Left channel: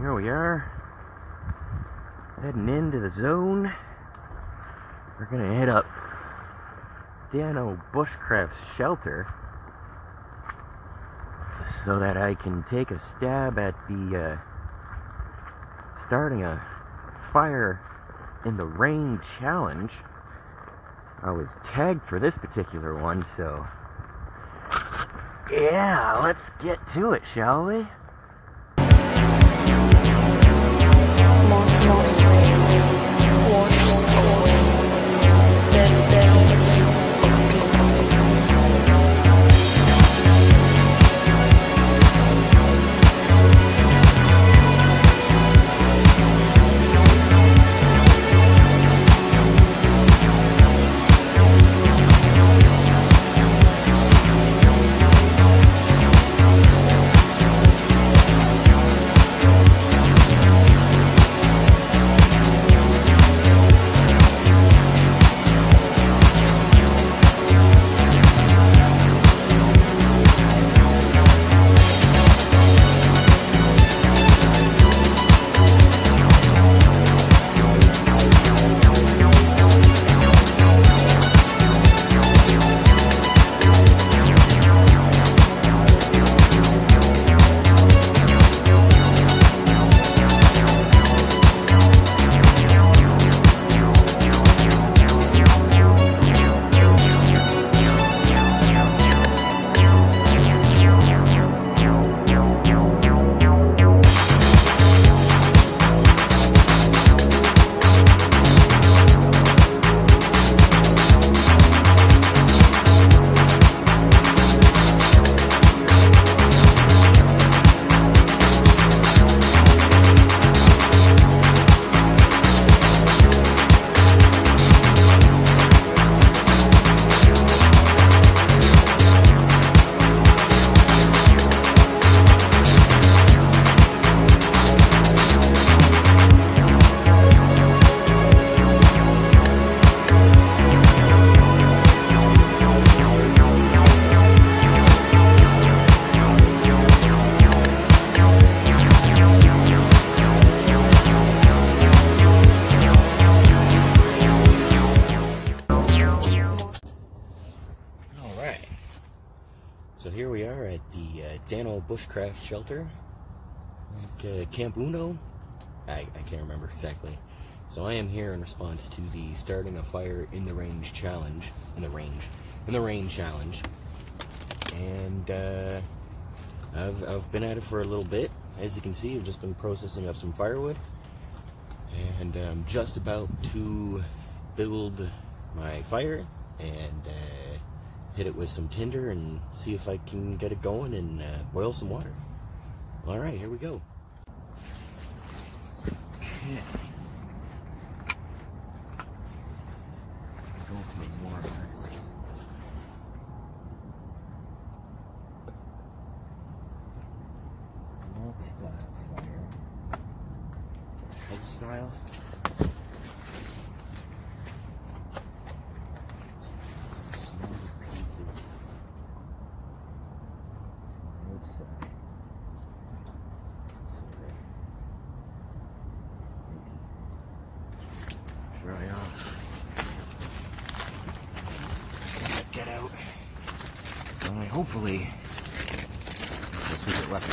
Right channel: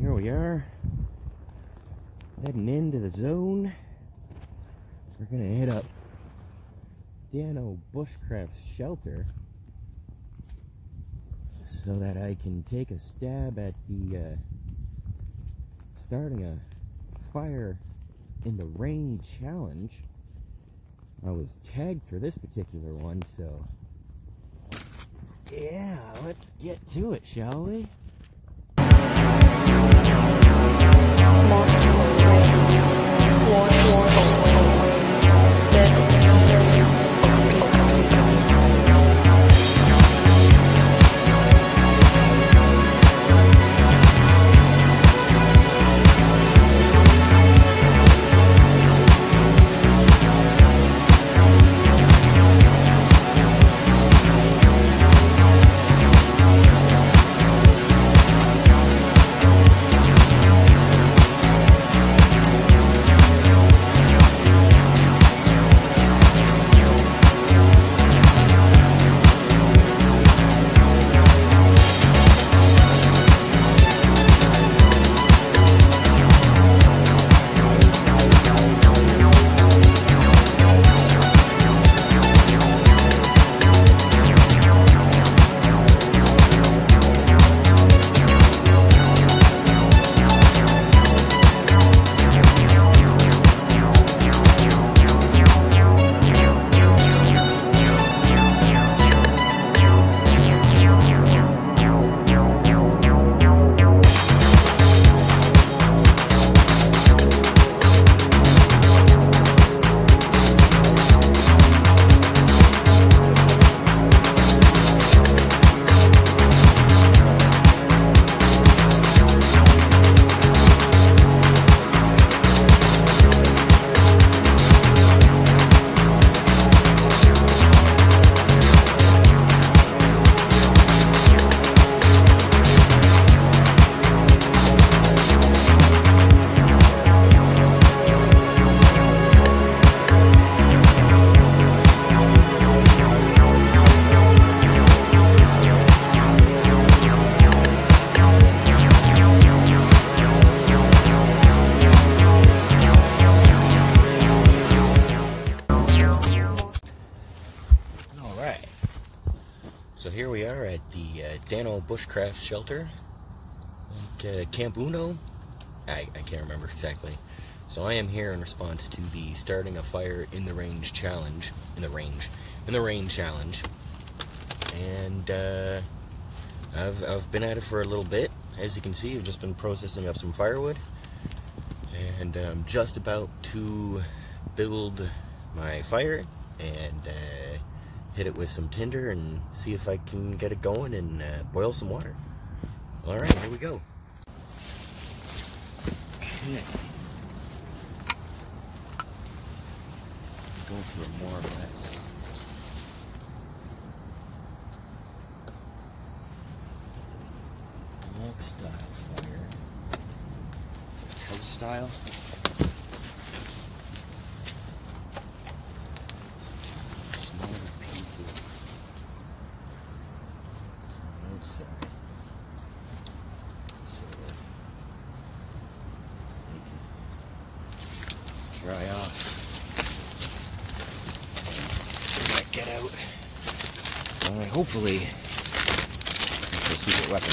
here we are, heading into the zone. We're gonna hit up Dano bushcraft shelter so that I can take a stab at the starting a fire in the rain challenge. I was tagged for this particular one, so yeah, let's get to it, shall we? Morsel of rain washes away dead bones of people. So here we are at the Dano bushcraft shelter, Camp Uno. I can't remember exactly. So I am here in response to the starting a fire in the range challenge, in the rain challenge, and I've been at it for a little bit. As you can see, I've just been processing up some firewood, and I'm just about to build my fire and hit it with some tinder and see if I can get it going and boil some water. Alright, here we go. Okay. Going for more or less. Log style fire. House style. Dry off. Get out. Hopefully, it's a secret weapon.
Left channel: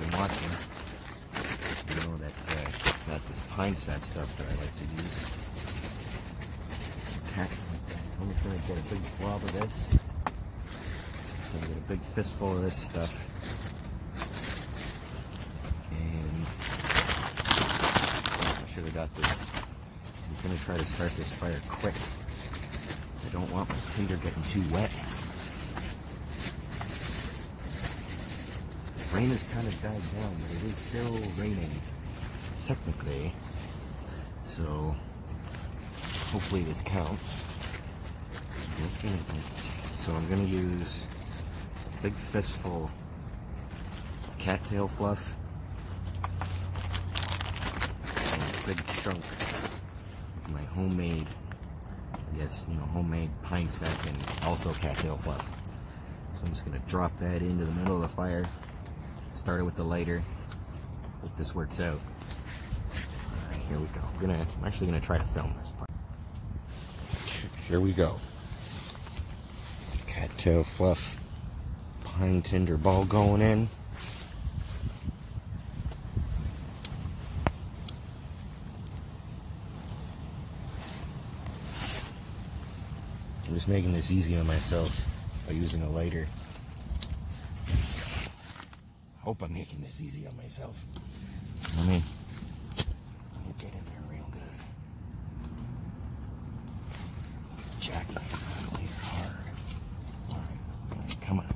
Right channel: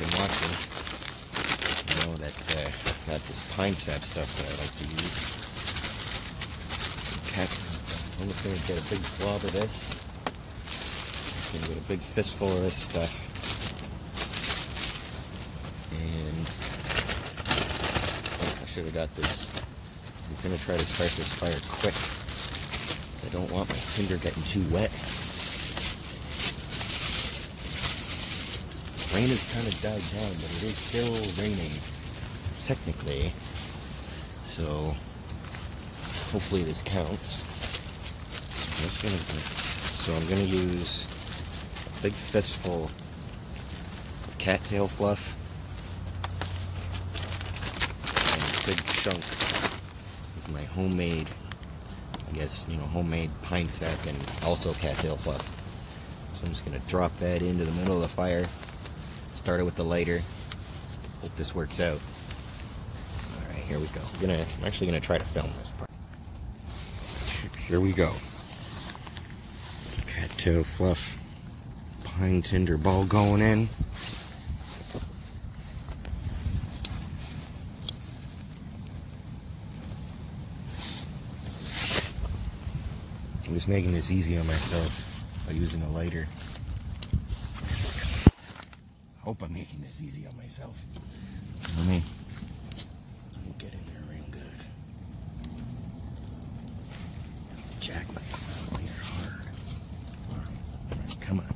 Been watching. You know that got this pine sap stuff that I like to use. I'm just gonna get a big blob of this. Gonna get a big fistful of this stuff. Should have got this. I'm gonna try to start this fire quick, because I don't want my tinder getting too wet. Rain has kind of died down, but it is still raining, technically. So hopefully this counts. So I'm gonna use a big fistful of cattail fluff. Big chunk of my homemade, I guess, you know, homemade pine sap and also cattail fluff. So I'm just going to drop that into the middle of the fire. Started with the lighter. Hope this works out. Alright, here we go. I'm actually gonna try to film this part. Here we go. Cattail fluff pine tinder ball going in. I'm just making this easy on myself by using a lighter. Hope I'm making this easy on myself. Let me get in there real good. Jack the lighter hard. Alright, come on.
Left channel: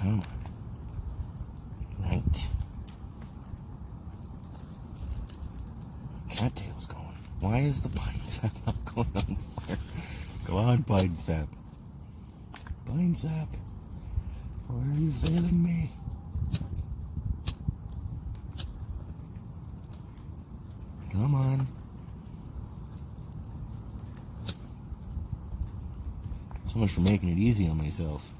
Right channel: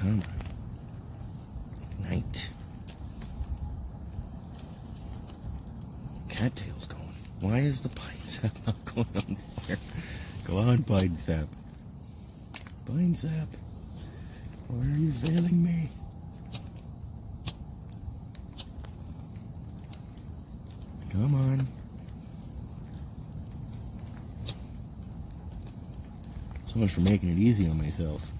Come on. Night. Cattail's going. Why is the pine sap not going on fire? Go on, pine sap. Pine sap. Why are you failing me? Come on. So much for making it easy on myself.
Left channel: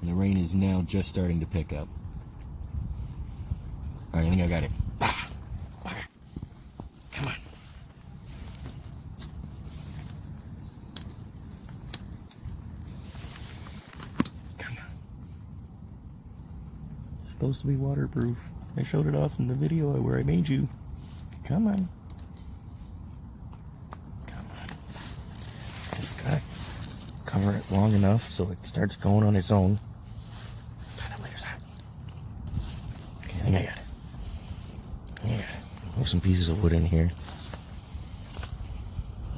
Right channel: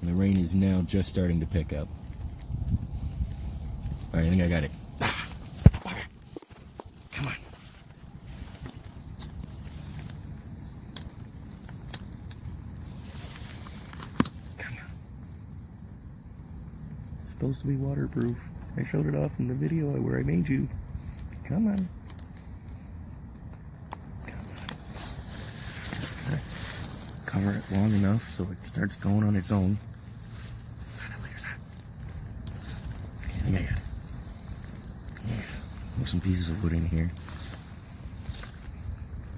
And the rain is now just starting to pick up. Alright, I think I got it. Fire. Come on. Come on. It's supposed to be waterproof. I showed it off in the video where I made you. Come on. Come on. Just gotta cover it long enough so it starts going on its own. That lighter's hot. Okay, I think I got it. Yeah. There's some pieces of wood in here.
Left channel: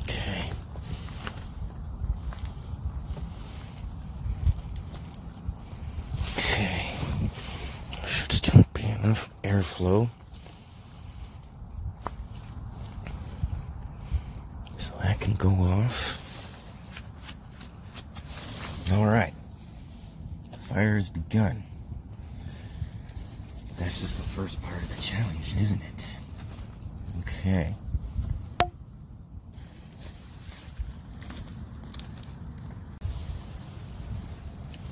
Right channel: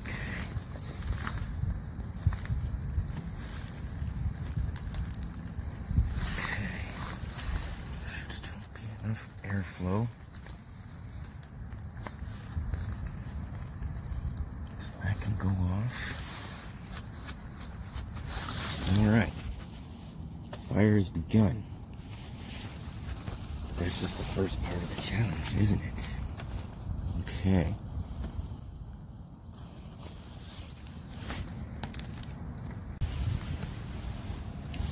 Okay. Okay. Should still be enough airflow. Can go off. Alright. The fire has begun. This is the first part of the challenge, isn't it? Okay.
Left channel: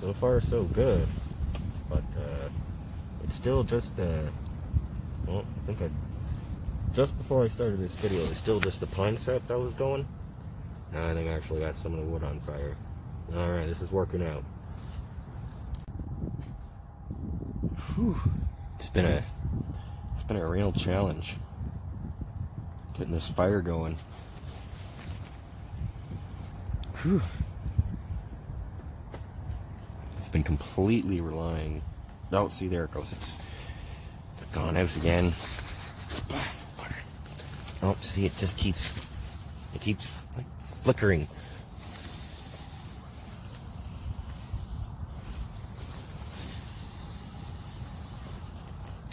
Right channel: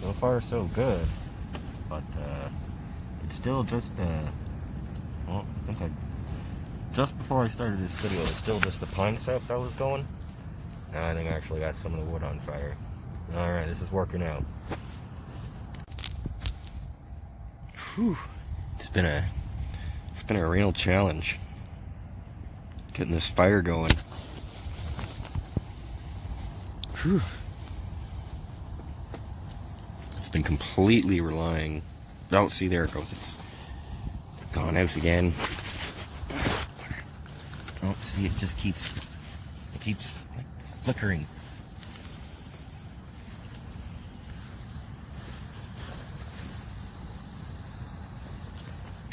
So far so good. But it's still just well, I think just before I started this video, it was still just the pine sap that was going. Now I think I actually got some of the wood on fire. Alright, this is working out. Whew. It's been a real challenge getting this fire going. Whew. I've been completely relying. Oh, see, there it goes. It's gone out again. Oh, see, it just keeps like flickering.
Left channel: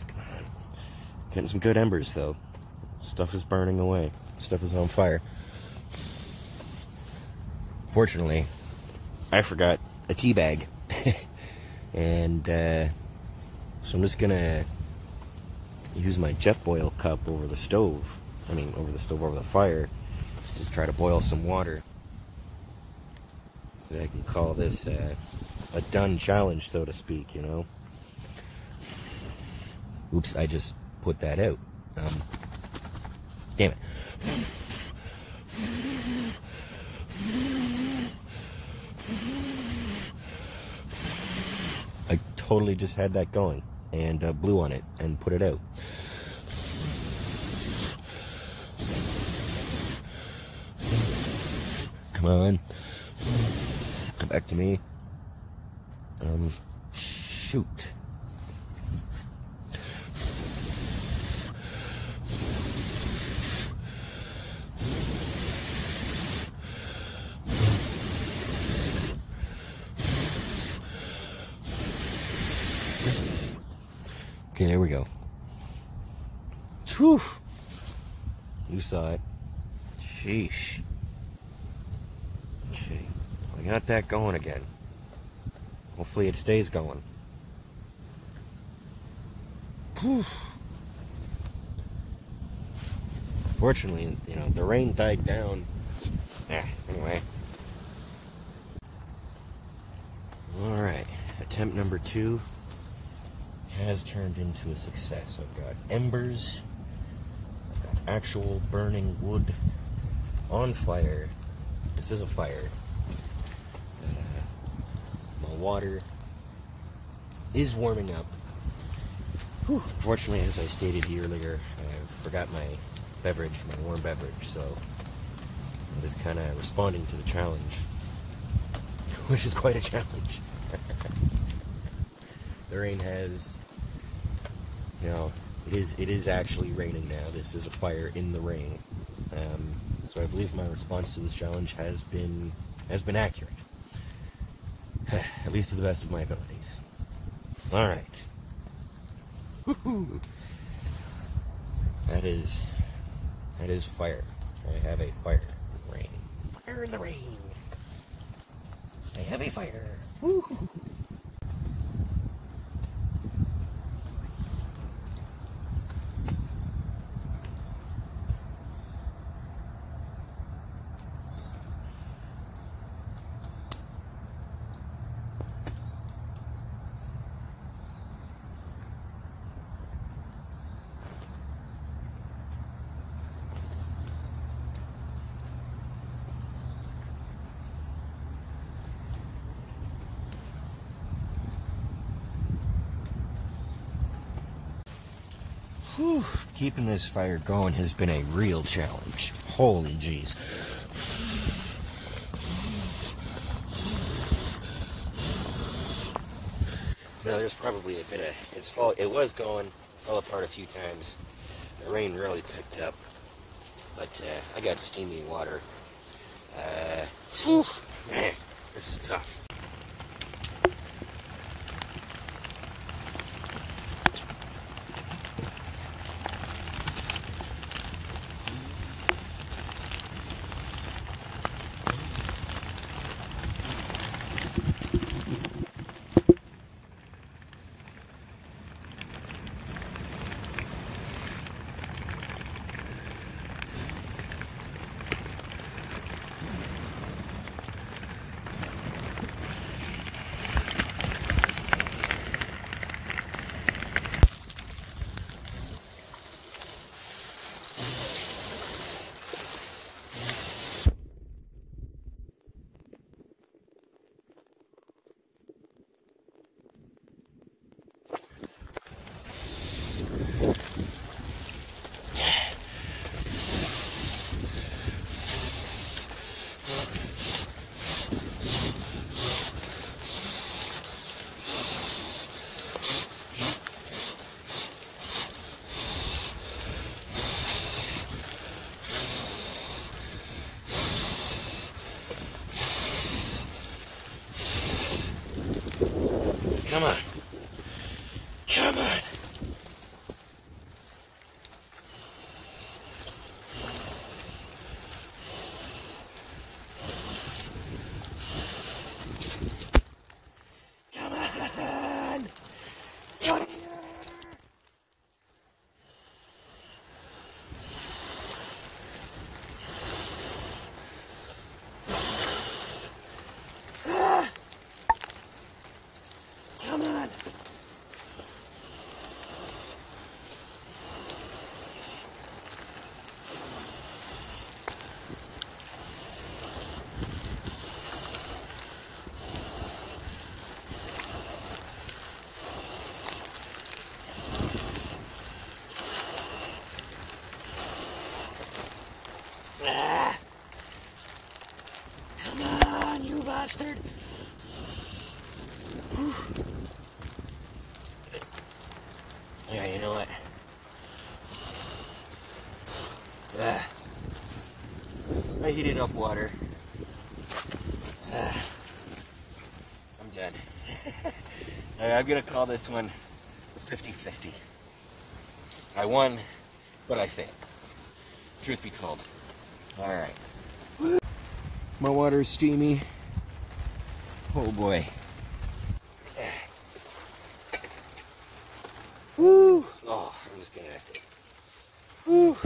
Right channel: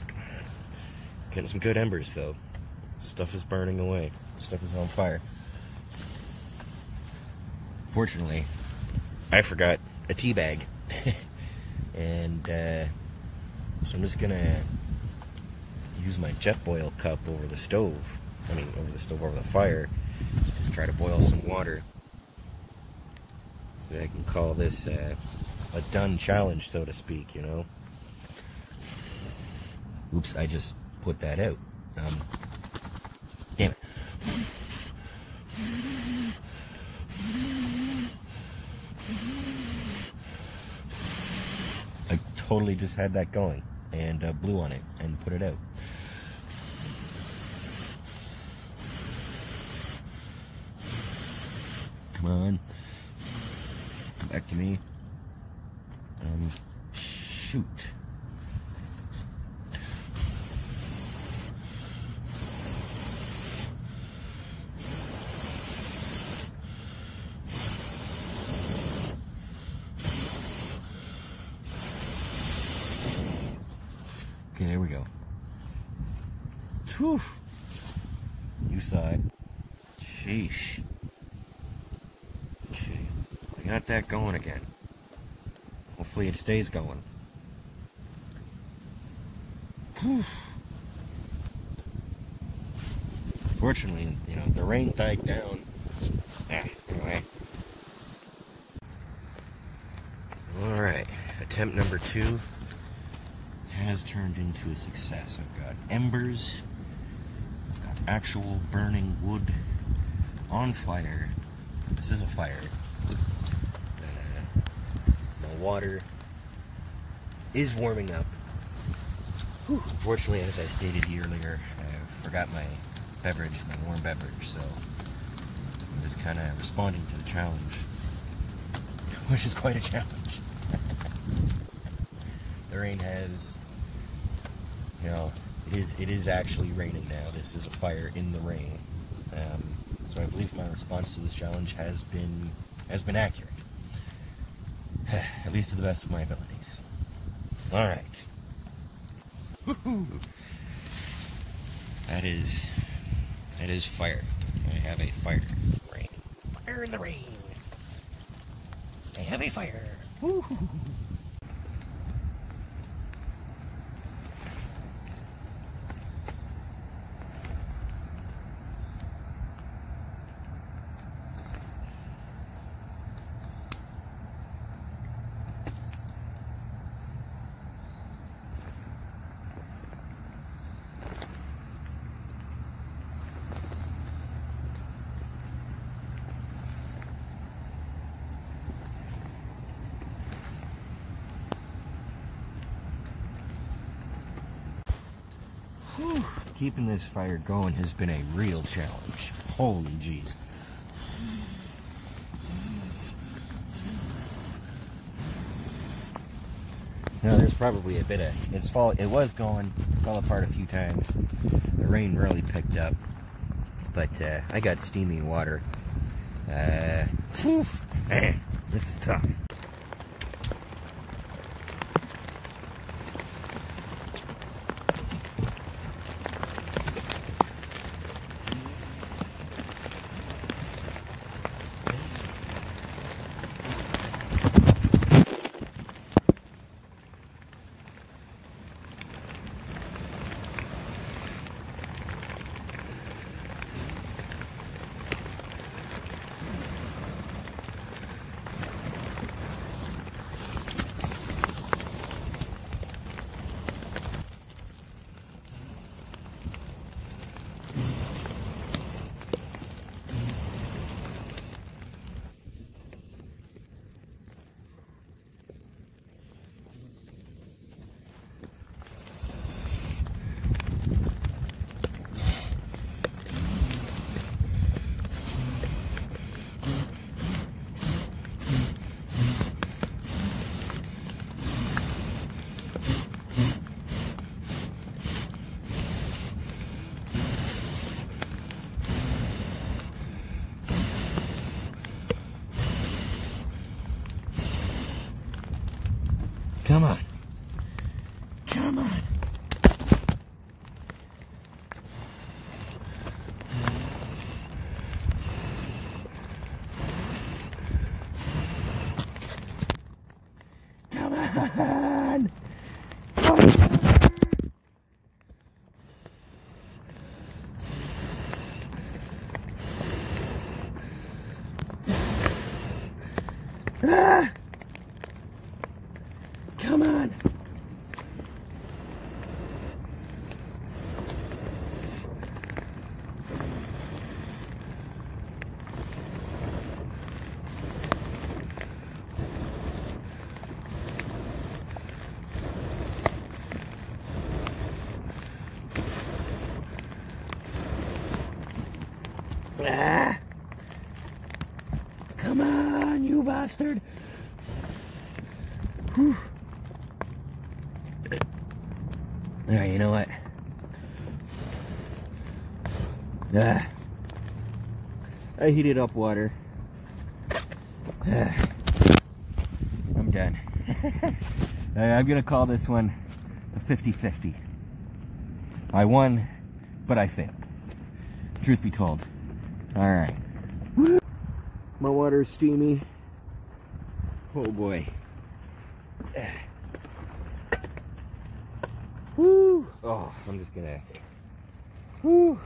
Come on. Getting some good embers though. Stuff is burning away. Stuff is on fire. Fortunately, I forgot a tea bag. And so I'm just gonna use my jet boil cup over the stove. Over the fire. Just try to boil some water. So that I can call this a done challenge, so to speak, you know. Oops, I just put that out. Damn it. I totally just had that going and blew on it and put it out. Come on. Come back to me. Shoot. Okay, there we go. Whew. You saw it. Sheesh. Okay, I got that going again. Hopefully it stays going. Whew. Fortunately, you know, the rain died down. Anyway. Alright, attempt number 2. has turned into a success. I've got embers, I've got actual burning wood on fire. This is a fire. My water is warming up. Whew. Unfortunately, as I stated earlier, I forgot my beverage, my warm beverage, so I'm just kind of responding to the challenge, which is quite a challenge. The rain has, you know, it is actually raining now. This is a fire in the rain. So I believe my response to this challenge has been accurate. At least to the best of my abilities. Alright. Woohoo! That is fire. I have a fire. Rain. Fire in the rain. I have a fire. Woohoo! Whew. Keeping this fire going has been a real challenge. Holy jeez. Now, there's probably a bit of, it was going, fell apart a few times. The rain really picked up. But I got steamy water. Whew, man, this is tough. Come on. Come on. Come on. Ah! Come on. Ah! Come on, you bastard. Whew. Alright, you know what? I heated up water. I'm done. I'm gonna call this one a 50-50. I won, but I failed. Truth be told. Alright. My water's steamy. Oh boy. Woo! Oh, I'm just gonna... Woo!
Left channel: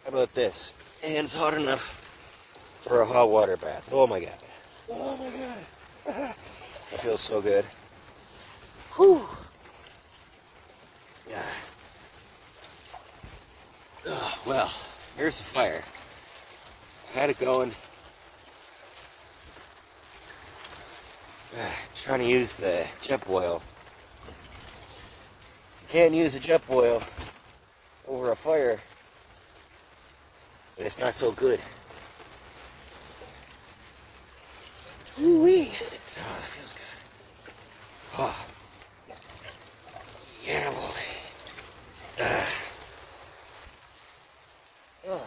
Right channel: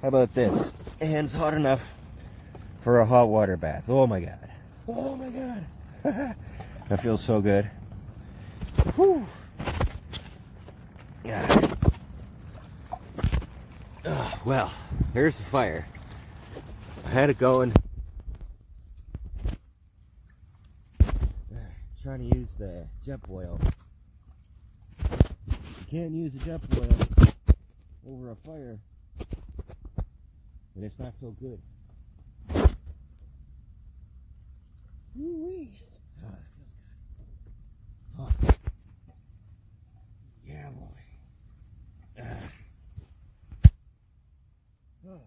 How about this? Hands hot enough for a hot water bath. Oh my god. Oh my god. That feels so good. Whew. Yeah. Well, here's the fire. I had it going. Trying to use the jet boil. You can't use a jet boil over a fire, and it's not so good. Ooh-wee. Oh, that feels good. Oh. Yeah, boy. Oh.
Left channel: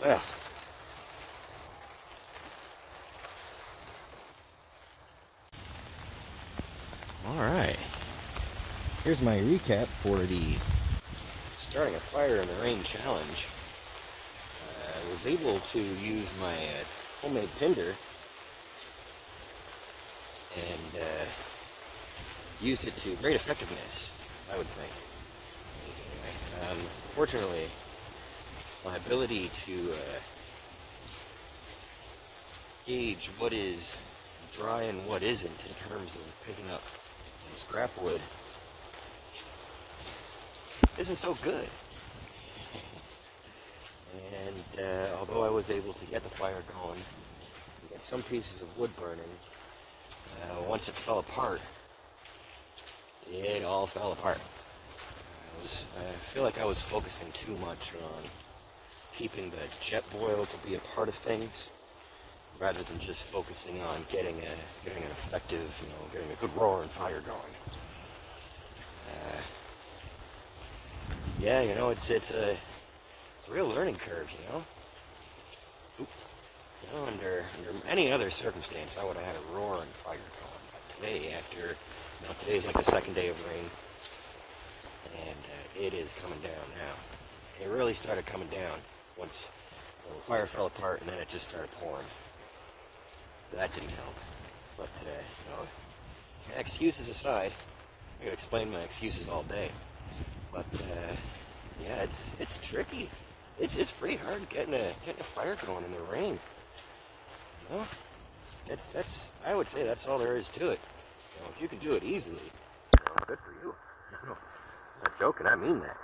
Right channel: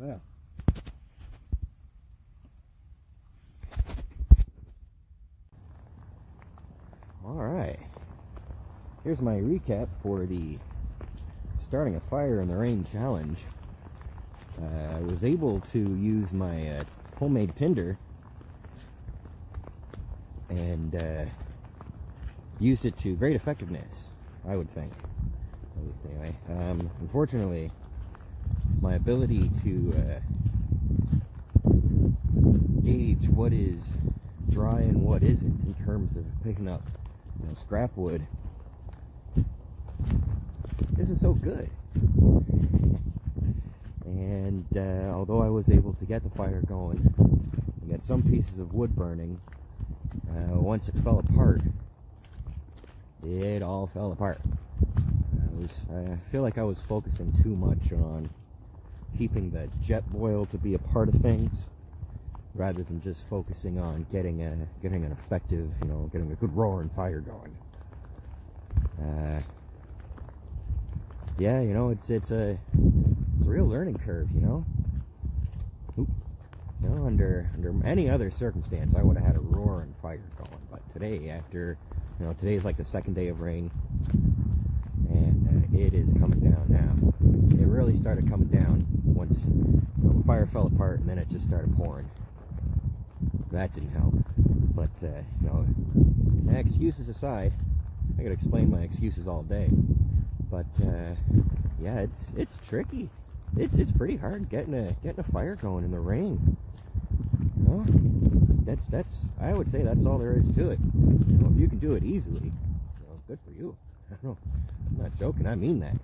Well. Alright. Here's my recap for the starting a fire in the rain challenge. I was able to use my homemade tinder and used it to great effectiveness, I would think. Unfortunately, my ability to gauge what is dry and what isn't in terms of picking up scrap wood isn't so good. And although I was able to get the fire going and get some pieces of wood burning, once it fell apart, it all fell apart. I feel like I was focusing too much on keeping the jet boil to be a part of things, rather than just focusing on getting an effective, getting a good roaring fire going. Yeah, it's a real learning curve, Oop. Under any other circumstance, I would have had a roaring fire going. But today, after, today's like the second day of rain, and it is coming down now. It really started coming down once the fire fell apart, and then it just started pouring. That didn't help. But, excuses aside, I could explain my excuses all day. But, yeah, it's tricky. It's pretty hard getting a fire going in the rain. Well, that's I would say that's all there is to it. If you can do it easily, good for you. I'm not joking, I mean that.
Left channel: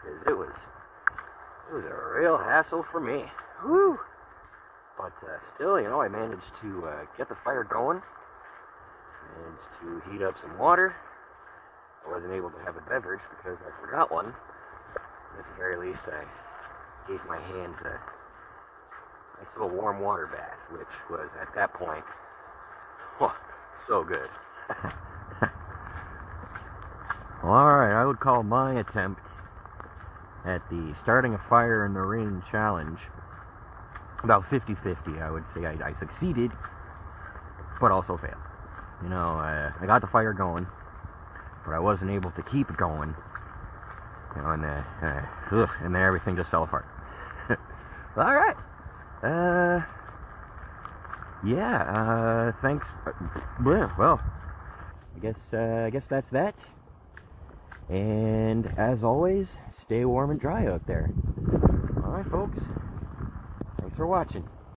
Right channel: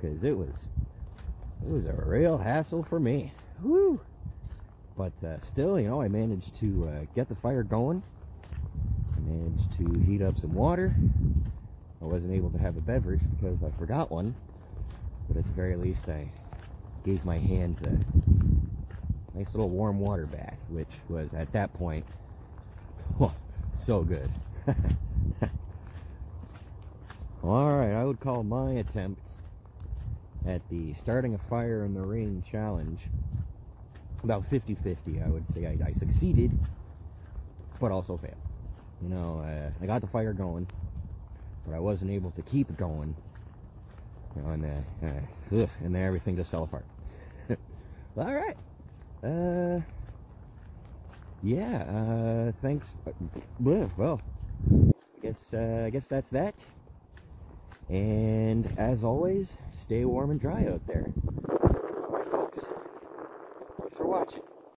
Because it was a real hassle for me. Whew. But still, I managed to get the fire going. I managed to heat up some water. I wasn't able to have a beverage because I forgot one. But at the very least, I gave my hands a nice little warm water bath, which was, at that point, so good. Alright, I would call my attempt at the starting a fire in the rain challenge about 50-50. I would say I succeeded, but also failed. I got the fire going, but I wasn't able to keep it going. And then everything just fell apart. All right. Yeah. Thanks. Well, I guess that's that. And as always, stay warm and dry out there. All right, folks. Thanks for watching.